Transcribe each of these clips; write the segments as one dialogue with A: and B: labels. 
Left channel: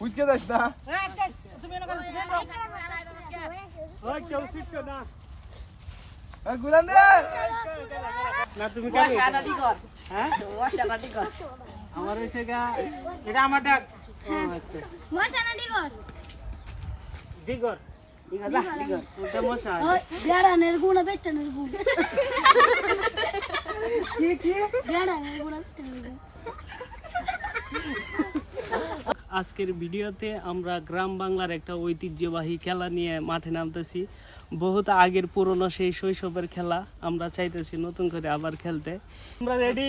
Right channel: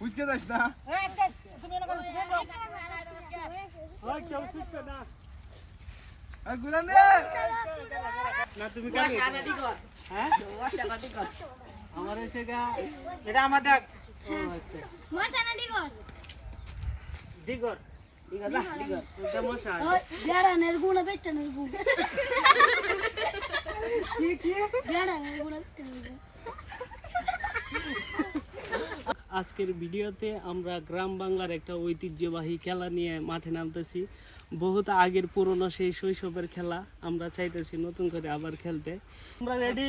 A: বুঝতে যাস না?
B: ওই না। তুমি হ্যাঁ? আমার হচ্ছে গা এটা আমার ডাক।
C: মশানা দিগর
B: দিগর এটা মশা
C: বেড়ানের গুণা বেটানের গুণ
B: কি কি?
C: বেড়ানের গুণা বেটানের গুণ
B: আজকের ভিডিওতে আমরা গ্রাম বাংলার একটা ঐতিহ্যবাহী খেলা নিয়ে মাঠে নামতেছি। বহুত আগের পুরনো সেই শৈশবের খেলা। আমরা চাইতেছি নতুন করে আবার খেলতে। আমরা রেডি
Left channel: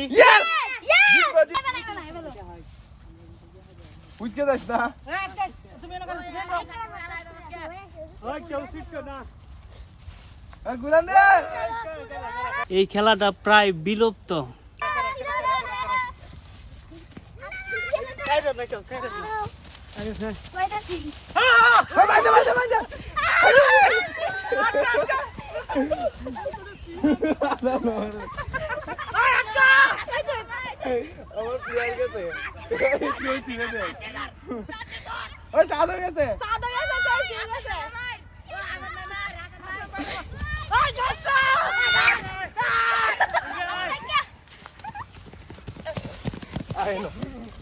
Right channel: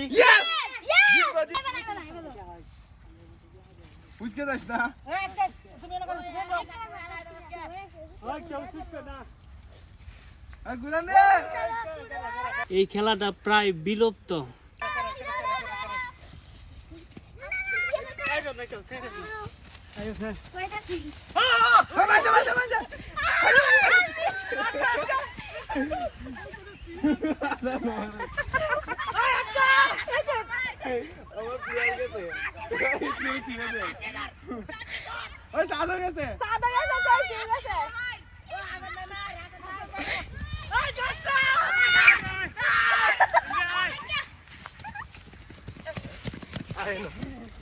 A: বুঝতে না? গুলাম দে!
B: এই খেলাটা প্রায় বিলুপ্ত।
A: মাইজা মাইজা মাইজা আমার প্লেয়ার গেছে তুই তুই দে ওই সাদা গেছে সাদ গেছে বিশ আসিন না কেন কেন গেছে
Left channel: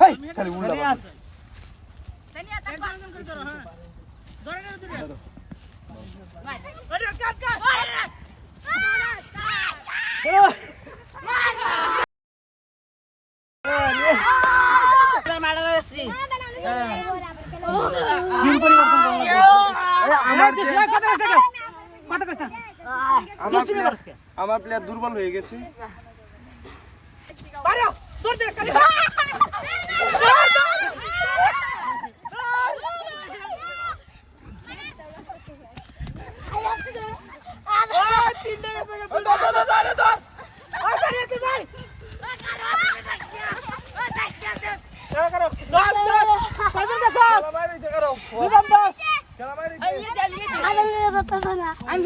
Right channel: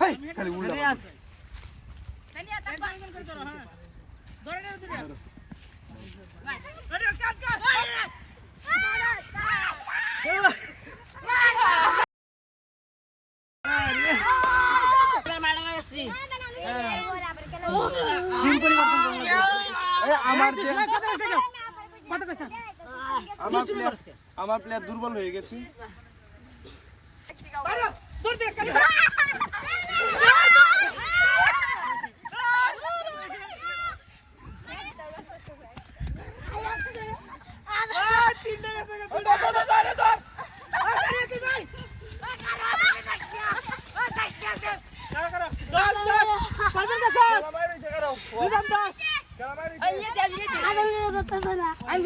A: হেই খালি উল্টা আমার যে আমার প্লেয়ার আমার প্লেয়ার দুর্বল হয়ে গেছে
C: আমি